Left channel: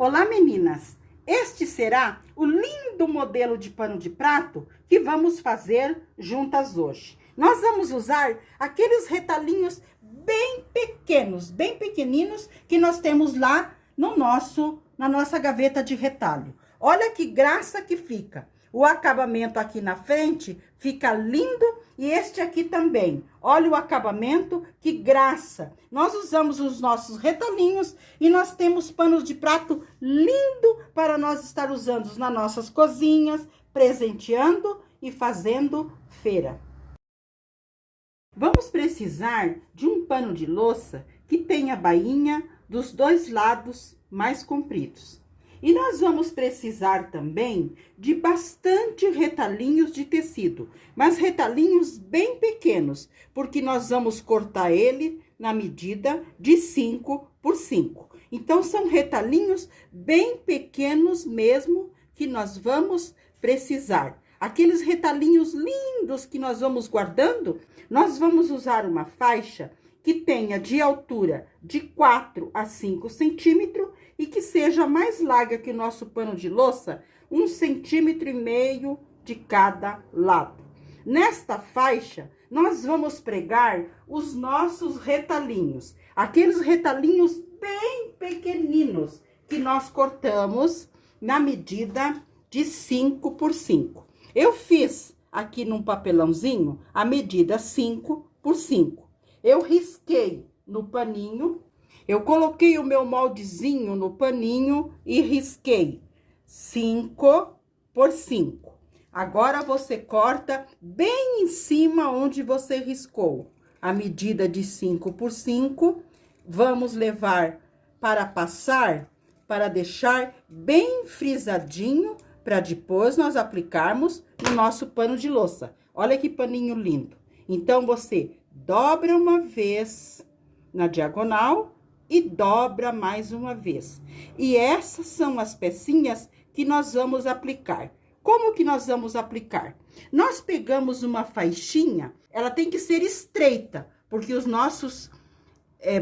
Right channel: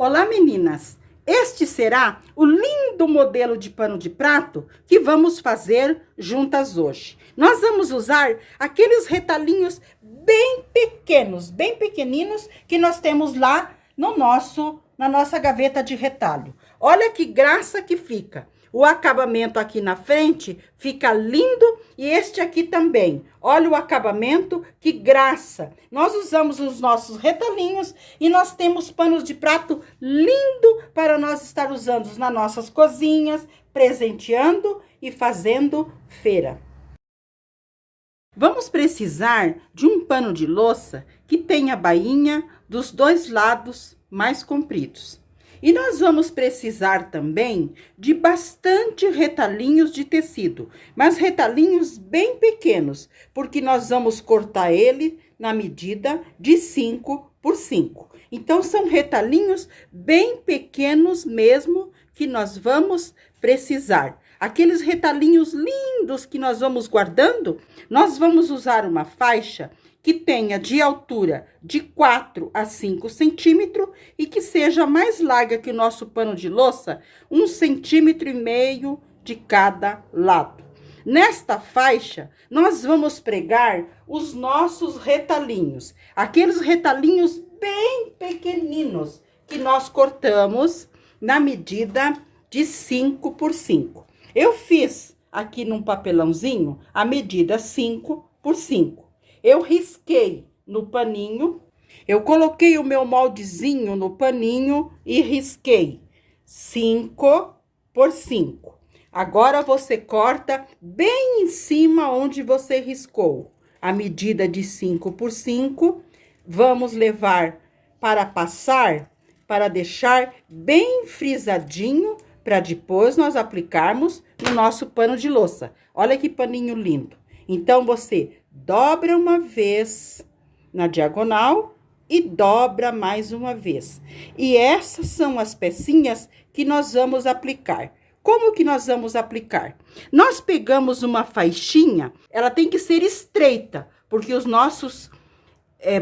Olá, meninas! Este será o lindo modelo de pano de prato que vamos fazer juntas hoje. Nós vamos usar aqueles retalhinhos bem pequenos, bem pequeninos que nós temos lá na nossa gaveta de retalho. Olha que graça que fica! O acabamento aqui na frente fica lindo e este aqui também. Olha o acabamento, que graça! Nós usamos os nossos retalhinhos e nós temos panos de prato lindo para nós estar usando nas nossas cozinhas, presenteando e fazendo feira. Vamos precisar de um pano de louça que tenha a bainha dos dois lados mais compridos. E nós vamos precisar também de bastante retalhinhos de tecido, mas retalhinhos bem pequenos, porque nós vamos cortar ele na medida de 5 por 5. Então, são retalhinhos bem pequenos mesmo que nós vamos precisar. Aqueles retalhinhos lindos que nós vamos guardando, nós vamos usar uma faixa que tenha de altura de 4 a 5 centímetros e que seja mais larga que o nosso pano de louça, 1,5 centímetro de cada lado. Nesta faixa, nós vamos pregar os nossos retalhinhos, aqueles retalhinhos bem pequeninos que nós cortamos na medida de 5 por 5. Eu fiz aqui num papelãozinho a medida 5 por 5. Eu risquei no paninho, eu coloquei o meu moldezinho no paninho e risquei 5 por 5. Agora, você corta bem em cima onde você riscou. A medida de 5 por 5, vamos levar para passar, para deixar bem frisadinho, para depois nós aplicarmos no nosso pano de louça. Olha que paninho lindo. Então, você dobra uma vez na diagonal e dobra mais uma vez. E essas são as pecinhas que nós vamos aplicar. Como que nós vamos aplicar? Nós pegamos uma faixinha, ela tem que ser estreita, porque os nossos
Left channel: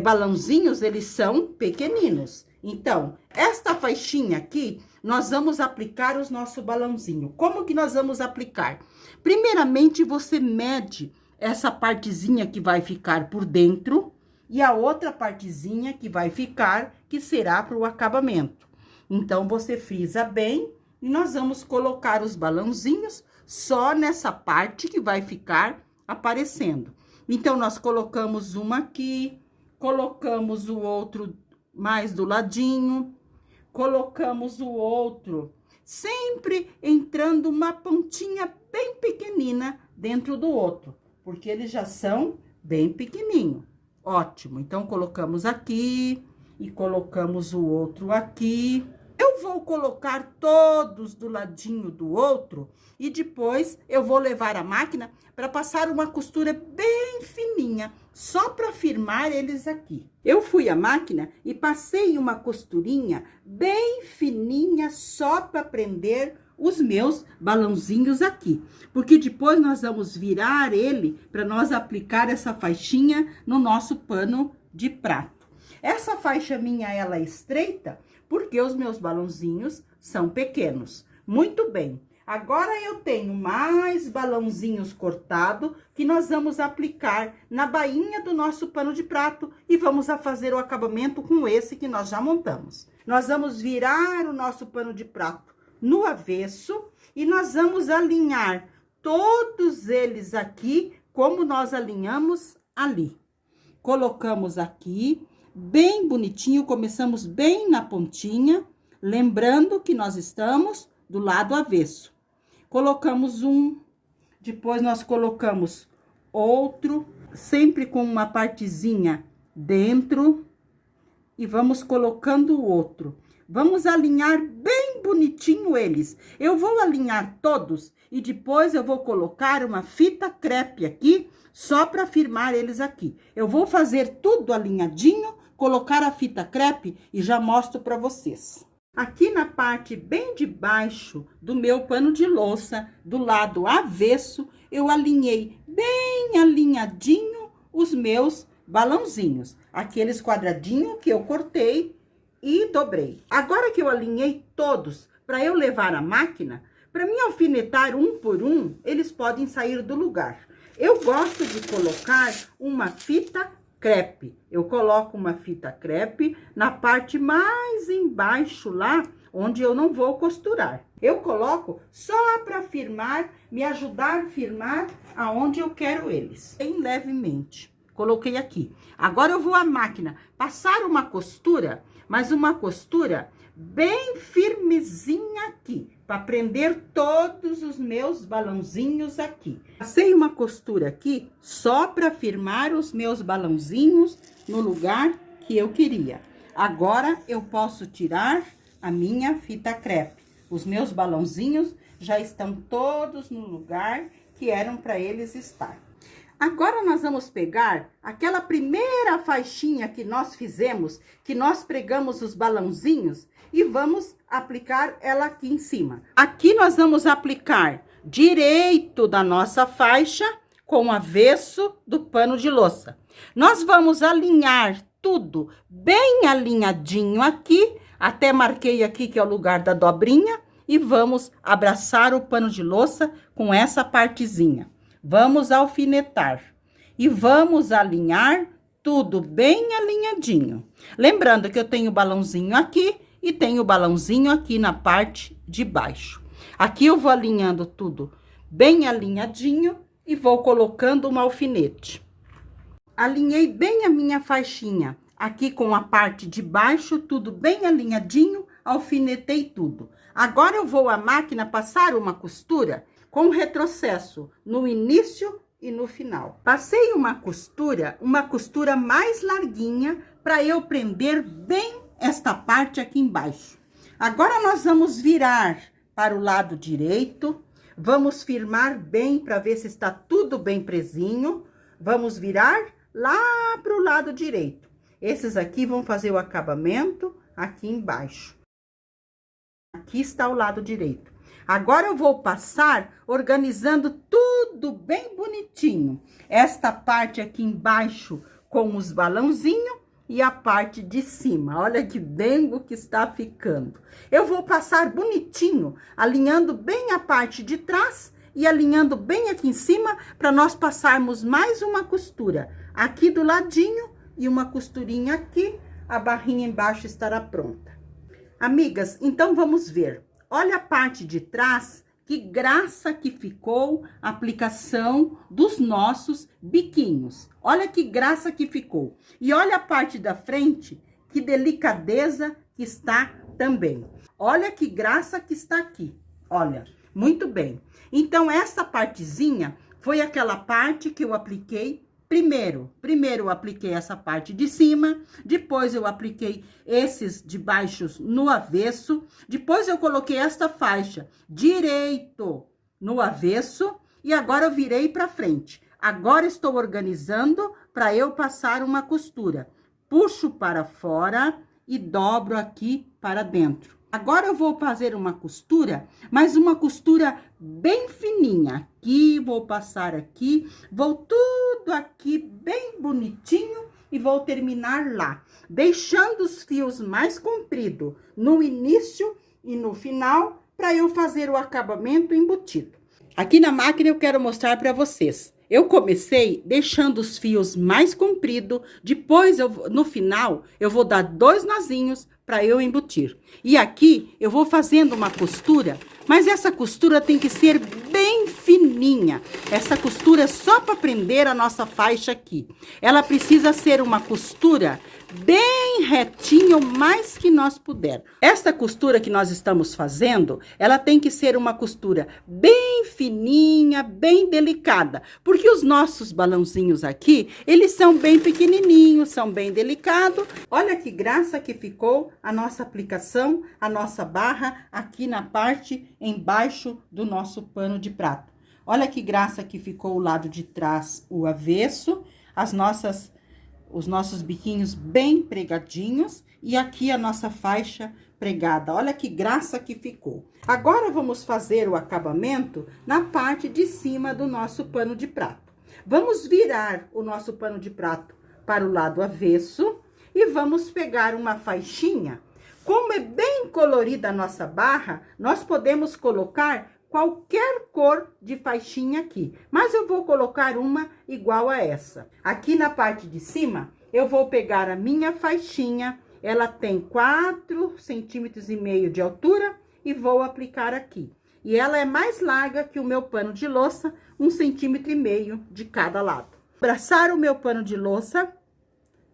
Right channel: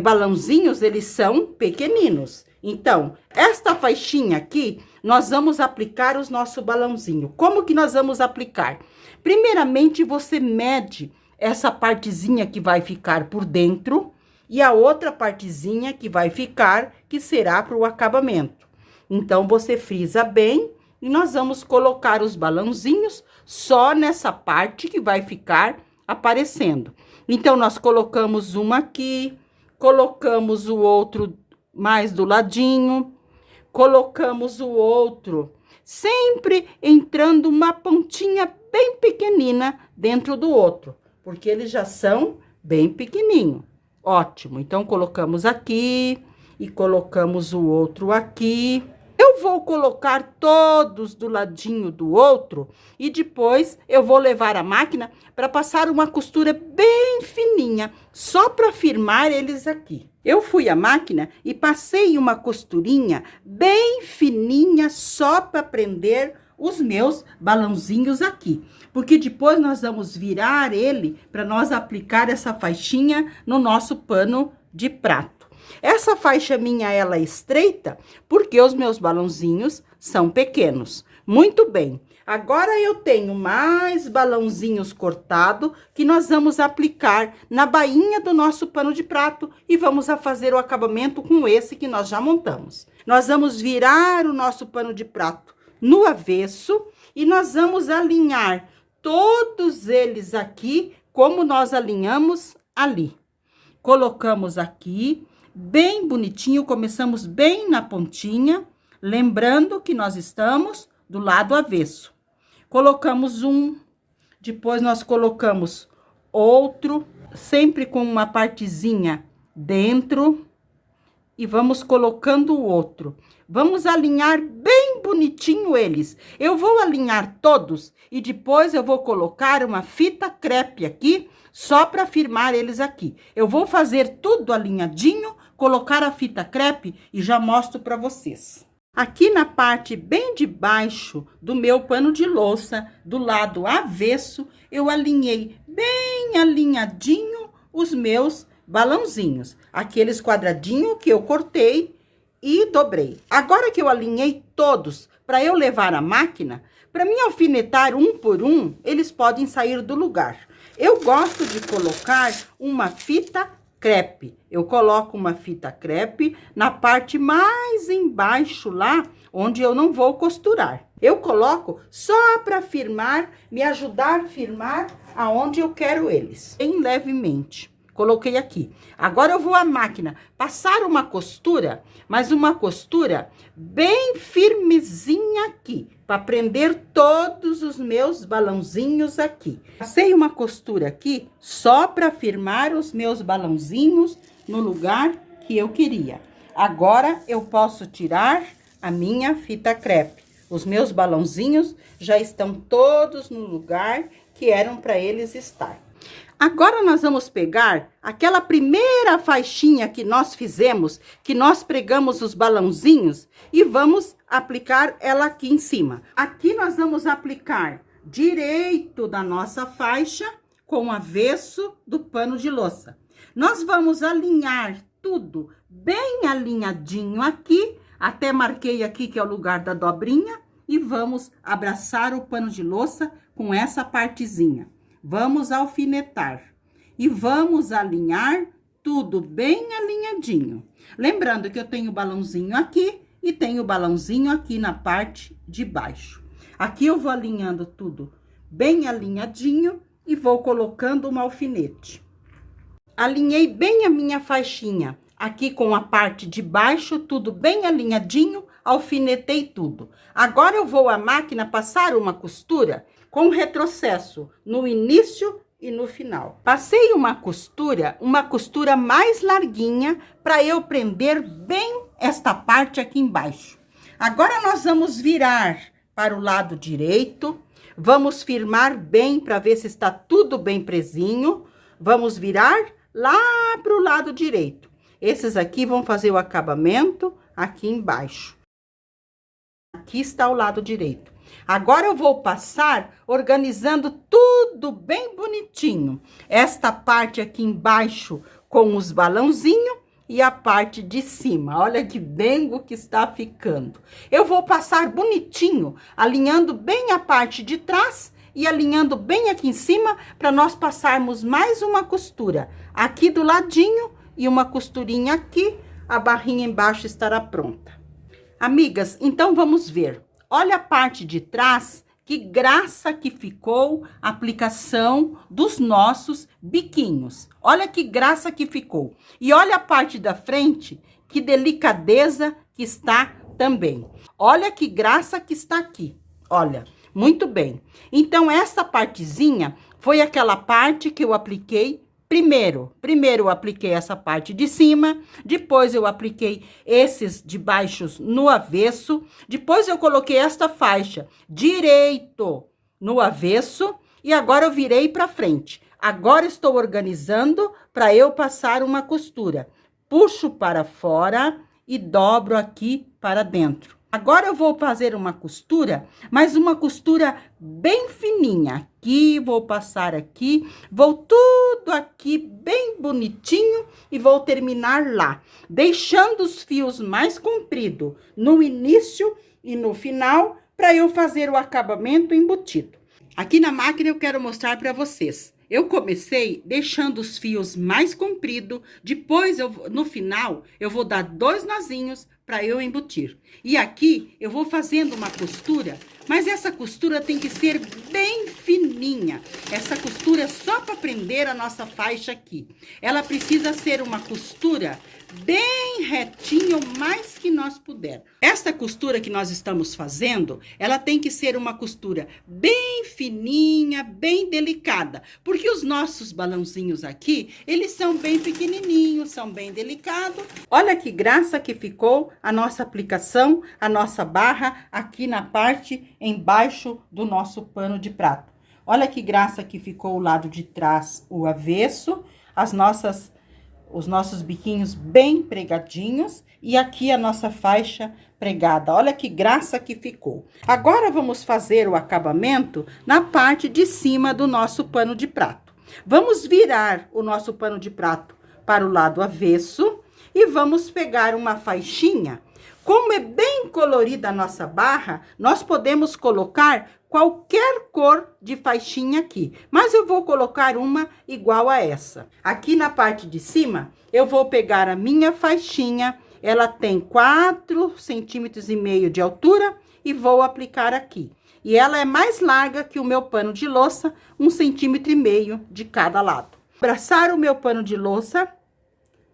balãozinhos, eles são pequeninos. Então, esta faixinha aqui, nós vamos aplicar os nossos balãozinhos. Como que nós vamos aplicar? Primeiramente, você mede essa partezinha que vai ficar por dentro e a outra partezinha que vai ficar, que será para o acabamento. Então, você frisa bem e nós vamos colocar os balãozinhos só nessa parte que vai ficar aparecendo. Então, nós colocamos uma aqui, colocamos o outro mais do ladinho, colocamos o outro, sempre entrando uma pontinha bem pequenina dentro do outro, porque eles já são bem pequenininho. Ótimo, então colocamos aqui e colocamos o outro aqui. Eu vou colocar todos do ladinho do outro e depois eu vou levar a máquina para passar uma costura bem fininha, só para firmar eles aqui. Eu fui à máquina e passei uma costurinha bem fininha só para prender os meus balãozinhos aqui, porque depois nós vamos virar ele para nós aplicar essa faixinha no nosso pano de prato. Essa faixa minha, ela é estreita, porque os meus balãozinhos são pequenos. Muito bem. Agora, eu tenho mais balãozinhos cortados que nós vamos aplicar na bainha do nosso pano de prato e vamos fazer o acabamento com esse que nós já montamos. Nós vamos virar o nosso pano de prato no avesso e nós vamos alinhar todos eles aqui, como nós alinhamos ali. Colocamos aqui bem bonitinho, começamos bem na pontinha, lembrando que nós estamos do lado avesso. Colocamos um, depois nós colocamos outro, sempre com uma partezinha dentro, e vamos colocando o outro. Vamos alinhar bem bonitinho eles. Eu vou alinhar todos e depois eu vou colocar uma fita crepe aqui, só para firmar eles aqui. Eu vou fazer tudo alinhadinho, colocar a fita crepe e já mostro para vocês. Aqui na parte bem de baixo do meu pano de louça, do lado avesso, eu alinhei bem alinhadinho os meus balãozinhos. Aqueles quadradinhos que eu cortei e dobrei. Agora que eu alinhei todos para eu levar à máquina, para mim alfinetar um por um, eles podem sair do lugar. Eu gosto de colocar uma fita crepe. Eu coloco uma fita crepe na parte mais embaixo lá, onde eu não vou costurar. Eu coloco só para firmar, me ajudar a firmar aonde eu quero eles. Bem levemente. Coloquei aqui. Agora eu vou à máquina passar uma costura, mas uma costura bem firmezinha aqui, para prender todos os meus balãozinhos aqui. Passei uma costura aqui só para firmar os meus balãozinhos no lugar que eu queria. Agora eu posso tirar a minha fita crepe. Os meus balãozinhos já estão todos no lugar que eram para eles estar. Agora, nós vamos pegar aquela primeira faixinha que nós fizemos, que nós pregamos os balãozinhos, e vamos aplicar ela aqui em cima. Aqui nós vamos aplicar direito da nossa faixa com o avesso do pano de louça. Nós vamos alinhar tudo bem alinhadinho aqui, até marquei aqui que é o lugar da dobrinha, e vamos abraçar o pano de louça com essa partezinha. Vamos alfinetar e vamos alinhar tudo bem alinhadinho. Lembrando que eu tenho o balãozinho aqui e tenho o balãozinho aqui na parte de baixo. Aqui eu vou alinhando tudo bem alinhadinho e vou colocando um alfinete. Alinhei bem a minha faixinha aqui com a parte de baixo, tudo bem alinhadinho, alfinetei tudo. Agora eu vou à máquina passar uma costura com retrocesso no início e no final. Passei uma costura mais larguinha para eu prender bem esta parte aqui embaixo. Agora nós vamos virar para o lado direito, vamos firmar bem para ver se está tudo bem presinho. Vamos virar lá para o lado direito. Esses aqui vão fazer o acabamento aqui embaixo. Aqui está o lado direito. Agora eu vou passar organizando tudo bem bonitinho. Esta parte aqui embaixo com os balãozinhos e a parte de cima. Olha que dengo que está ficando. Eu vou passar bonitinho, alinhando bem a parte de trás e alinhando bem aqui em cima para nós passarmos mais uma costura aqui do ladinho e uma costurinha aqui. A barrinha embaixo estará pronta. Amigas, então vamos ver. Olha a parte de trás, que graça que ficou a aplicação dos nossos biquinhos. Olha que graça que ficou. E olha a parte da frente, que delicadeza que está também. Olha que graça que está aqui. Olha, muito bem. Então, essa partezinha foi aquela parte que eu apliquei primeiro. Primeiro eu apliquei essa parte de cima, depois eu apliquei esses de baixo no avesso, depois eu coloquei esta faixa direito no avesso e agora eu virei para frente. Agora estou organizando para eu passar uma costura. Puxo para fora e dobro aqui para dentro. Agora eu vou fazer uma costura, mas uma costura bem fininha. Aqui, vou passar aqui, vou tudo aqui bem bonitinho e vou terminar lá, deixando os fios mais compridos no início e no final, para eu fazer o acabamento embutido. Aqui na máquina eu quero mostrar para vocês. Eu comecei deixando os fios mais compridos, depois no final eu vou dar 2 nozinhos para eu embutir. E aqui eu vou fazendo uma costura, mas essa costura tem que ser bem fininha. Essa costura é só para prender a nossa faixa aqui. Ela precisa ser uma costura bem retinha, o mais que nós puder. Essa costura que nós estamos fazendo, ela tem que ser uma costura bem fininha, bem delicada, porque os nossos balãozinhos aqui, eles são bem pequenininhos, são bem delicados. Olha que graça que ficou a nossa aplicação, a nossa barra aqui na parte embaixo do nosso pano de prato. Olha que graça que ficou o lado de trás, o avesso, os nossos biquinhos bem pregadinhos e aqui a nossa faixa pregada. Olha que graça que ficou. Agora, vamos fazer o acabamento na parte de cima do nosso pano de prato. Vamos virar o nosso pano de prato para o lado avesso e vamos pegar uma faixinha Como é bem colorida a nossa barra, nós podemos colocar qualquer cor de faixinha aqui. Mas eu vou colocar uma igual a essa. Aqui na parte de cima, eu vou pegar a minha faixinha. Ela tem 4,5 centímetros de altura e vou aplicar aqui. E ela é mais larga que o meu pano de louça, 1,5 centímetro de cada lado. Abraçar o meu pano de louça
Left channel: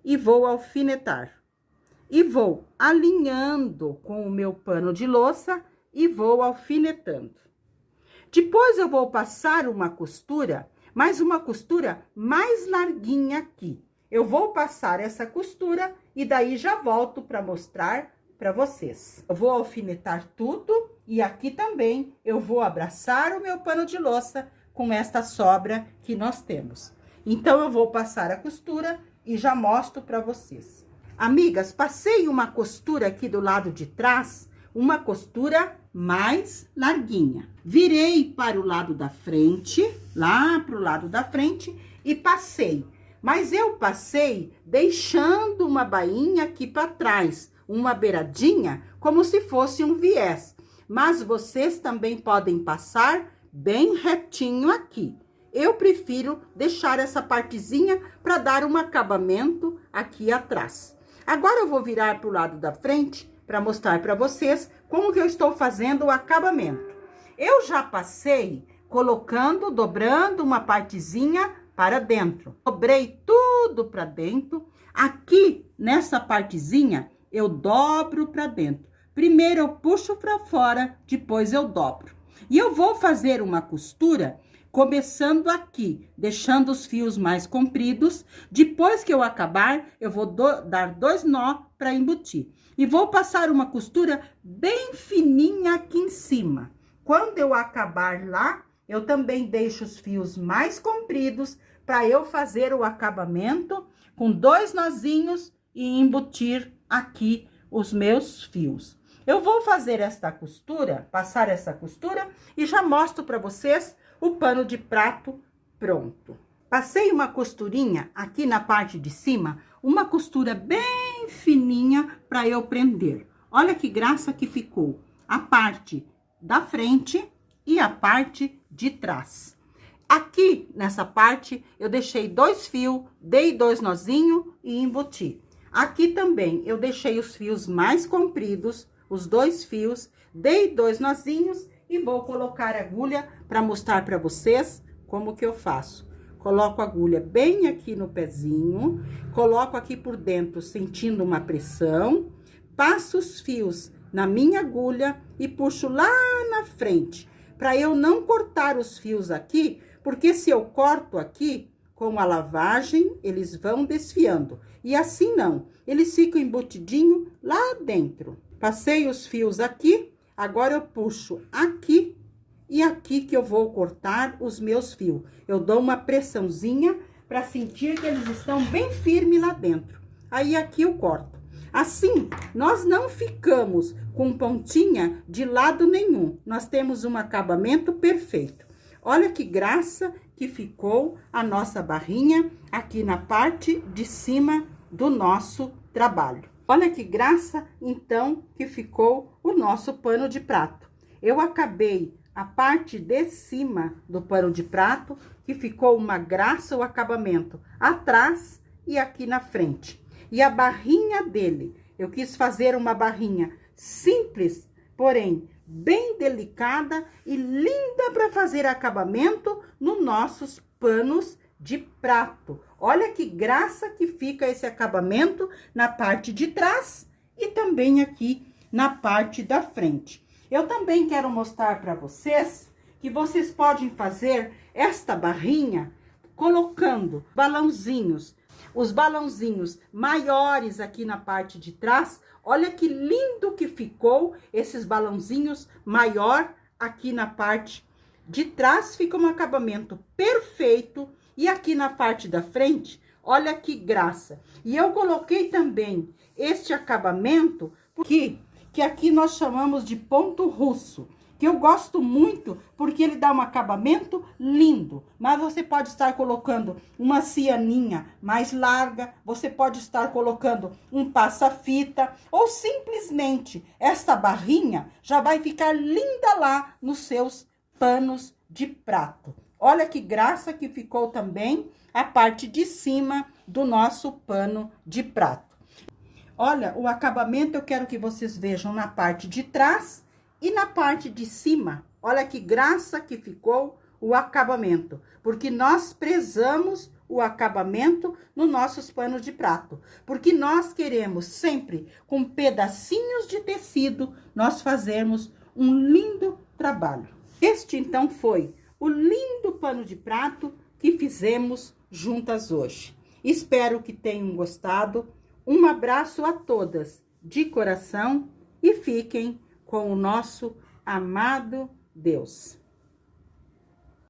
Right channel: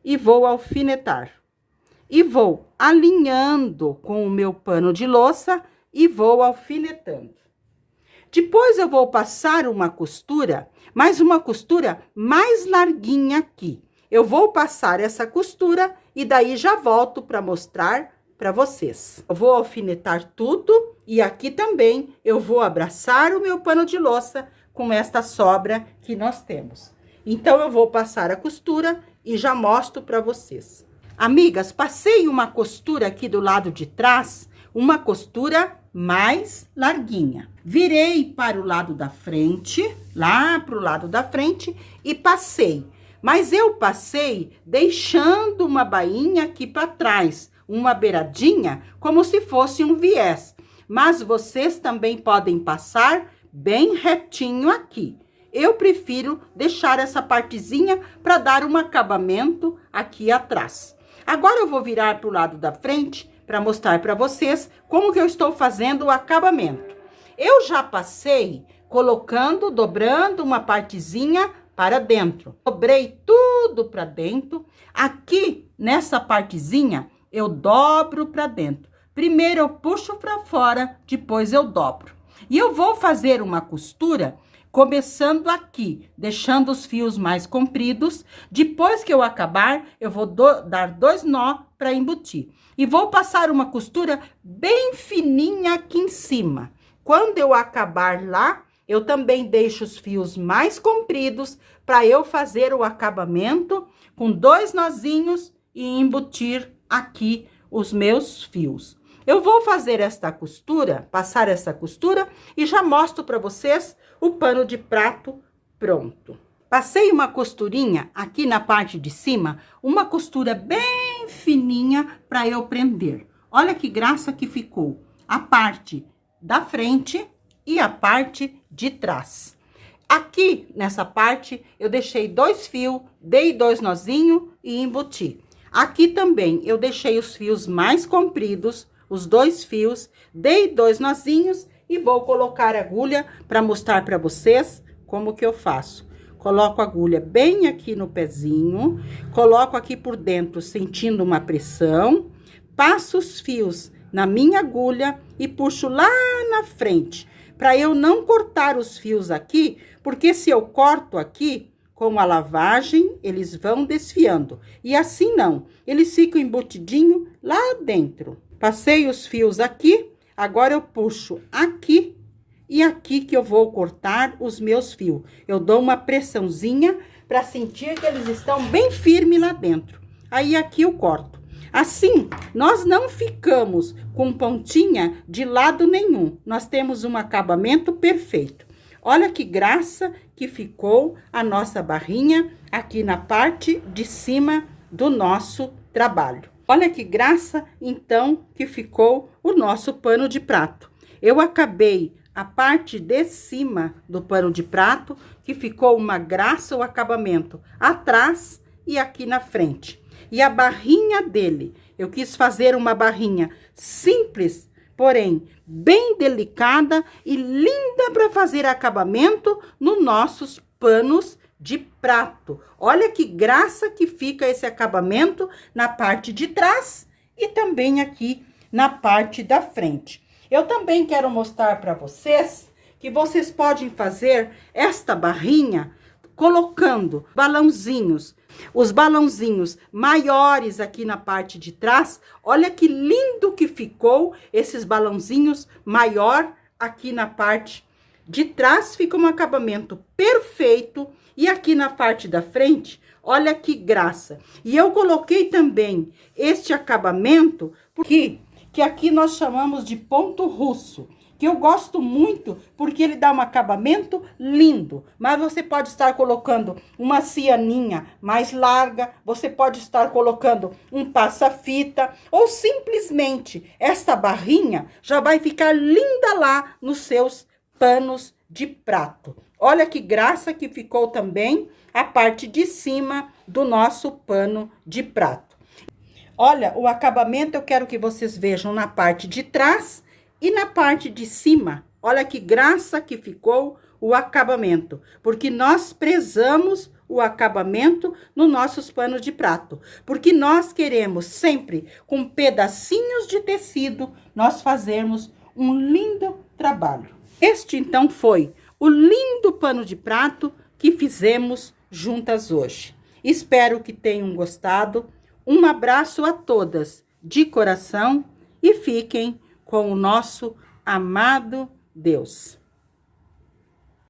e vou alfinetar. E vou alinhando com o meu pano de louça e vou alfinetando. Depois eu vou passar uma costura, mas uma costura mais larguinha aqui. Eu vou passar essa costura e daí já volto para mostrar para vocês. Eu vou alfinetar tudo e aqui também eu vou abraçar o meu pano de louça com esta sobra que nós temos. Então, eu vou passar a costura e já mostro para vocês. Amigas, passei uma costura aqui do lado de trás, uma costura mais larguinha. Virei para o lado da frente, lá para o lado da frente e passei. Mas eu passei deixando uma bainha aqui para trás, uma beiradinha, como se fosse um viés. Mas vocês também podem passar bem retinho aqui. Eu prefiro deixar essa partezinha para dar um acabamento aqui atrás. Agora eu vou virar para o lado da frente para mostrar para vocês como que eu estou fazendo o acabamento. Eu já passei colocando, dobrando uma partezinha para dentro. Dobrei tudo para dentro. Aqui, nessa partezinha, eu dobro para dentro. Primeiro eu puxo para fora, depois eu dobro. E eu vou fazer uma costura começando aqui, deixando os fios mais compridos. Depois que eu acabar, eu vou dar 2 nó para embutir. E vou passar uma costura bem fininha aqui em cima. Quando eu acabar lá, eu também deixo os fios mais compridos para eu fazer o acabamento com 2 nozinhos e embutir aqui os meus fios. Eu vou fazer esta costura, passar essa costura e já mostro para vocês o pano de prato pronto. Passei uma costurinha aqui na parte de cima, uma costura bem fininha para eu prender. Olha que graça que ficou a parte da frente e a parte de trás. Aqui nessa parte eu deixei 2 fios, dei 2 nozinhos e embuti. Aqui também eu deixei os fios mais compridos, os 2 fios, dei 2 nozinhos e vou colocar a agulha para mostrar para vocês como que eu faço. Coloco a agulha bem aqui no pezinho, coloco aqui por dentro sentindo uma pressão, passo os fios na minha agulha e puxo lá na frente, para eu não cortar os fios aqui, porque se eu corto aqui, com a lavagem, eles vão desfiando. E assim não, eles ficam embutidinho lá dentro. Passei os fios aqui, agora eu puxo aqui e aqui que eu vou cortar os meus fios. Eu dou uma pressãozinha para sentir que eles estão bem firmes lá dentro. Aí, aqui eu corto. Assim, nós não ficamos com pontinha de lado nenhum. Nós temos um acabamento perfeito. Olha que graça que ficou a nossa barrinha aqui na parte de cima do nosso trabalho. Olha que graça, então, que ficou o nosso pano de prato. Eu acabei a parte de cima do pano de prato, que ficou uma graça o acabamento atrás e aqui na frente. E a barrinha dele, eu quis fazer uma barrinha simples, porém bem delicada e linda para fazer acabamento nos nossos panos de prato. Olha que graça que fica esse acabamento na parte de trás e também aqui na parte da frente. Eu também quero mostrar para vocês que vocês podem fazer esta barrinha colocando balãozinhos. Os balãozinhos maiores aqui na parte de trás, olha que lindo que ficou esses balãozinhos maior aqui na parte de trás, fica um acabamento perfeito. E aqui na parte da frente, olha que graça. E eu coloquei também este acabamento, porque que aqui nós chamamos de ponto russo, que eu gosto muito, porque ele dá um acabamento lindo. Mas você pode estar colocando uma cianinha mais larga, você pode estar colocando um passa-fita, ou simplesmente esta barrinha já vai ficar linda lá nos seus panos de prato. Olha que graça que ficou também a parte de cima do nosso pano de prato. Olha, o acabamento eu quero que vocês vejam na parte de trás e na parte de cima. Olha que graça que ficou o acabamento, porque nós prezamos o acabamento nos nossos panos de prato, porque nós queremos sempre, com pedacinhos de tecido, nós fazermos um lindo trabalho. Este, então, foi o lindo pano de prato que fizemos juntas hoje. Espero que tenham gostado. Um abraço a todas de coração e fiquem com o nosso amado Deus.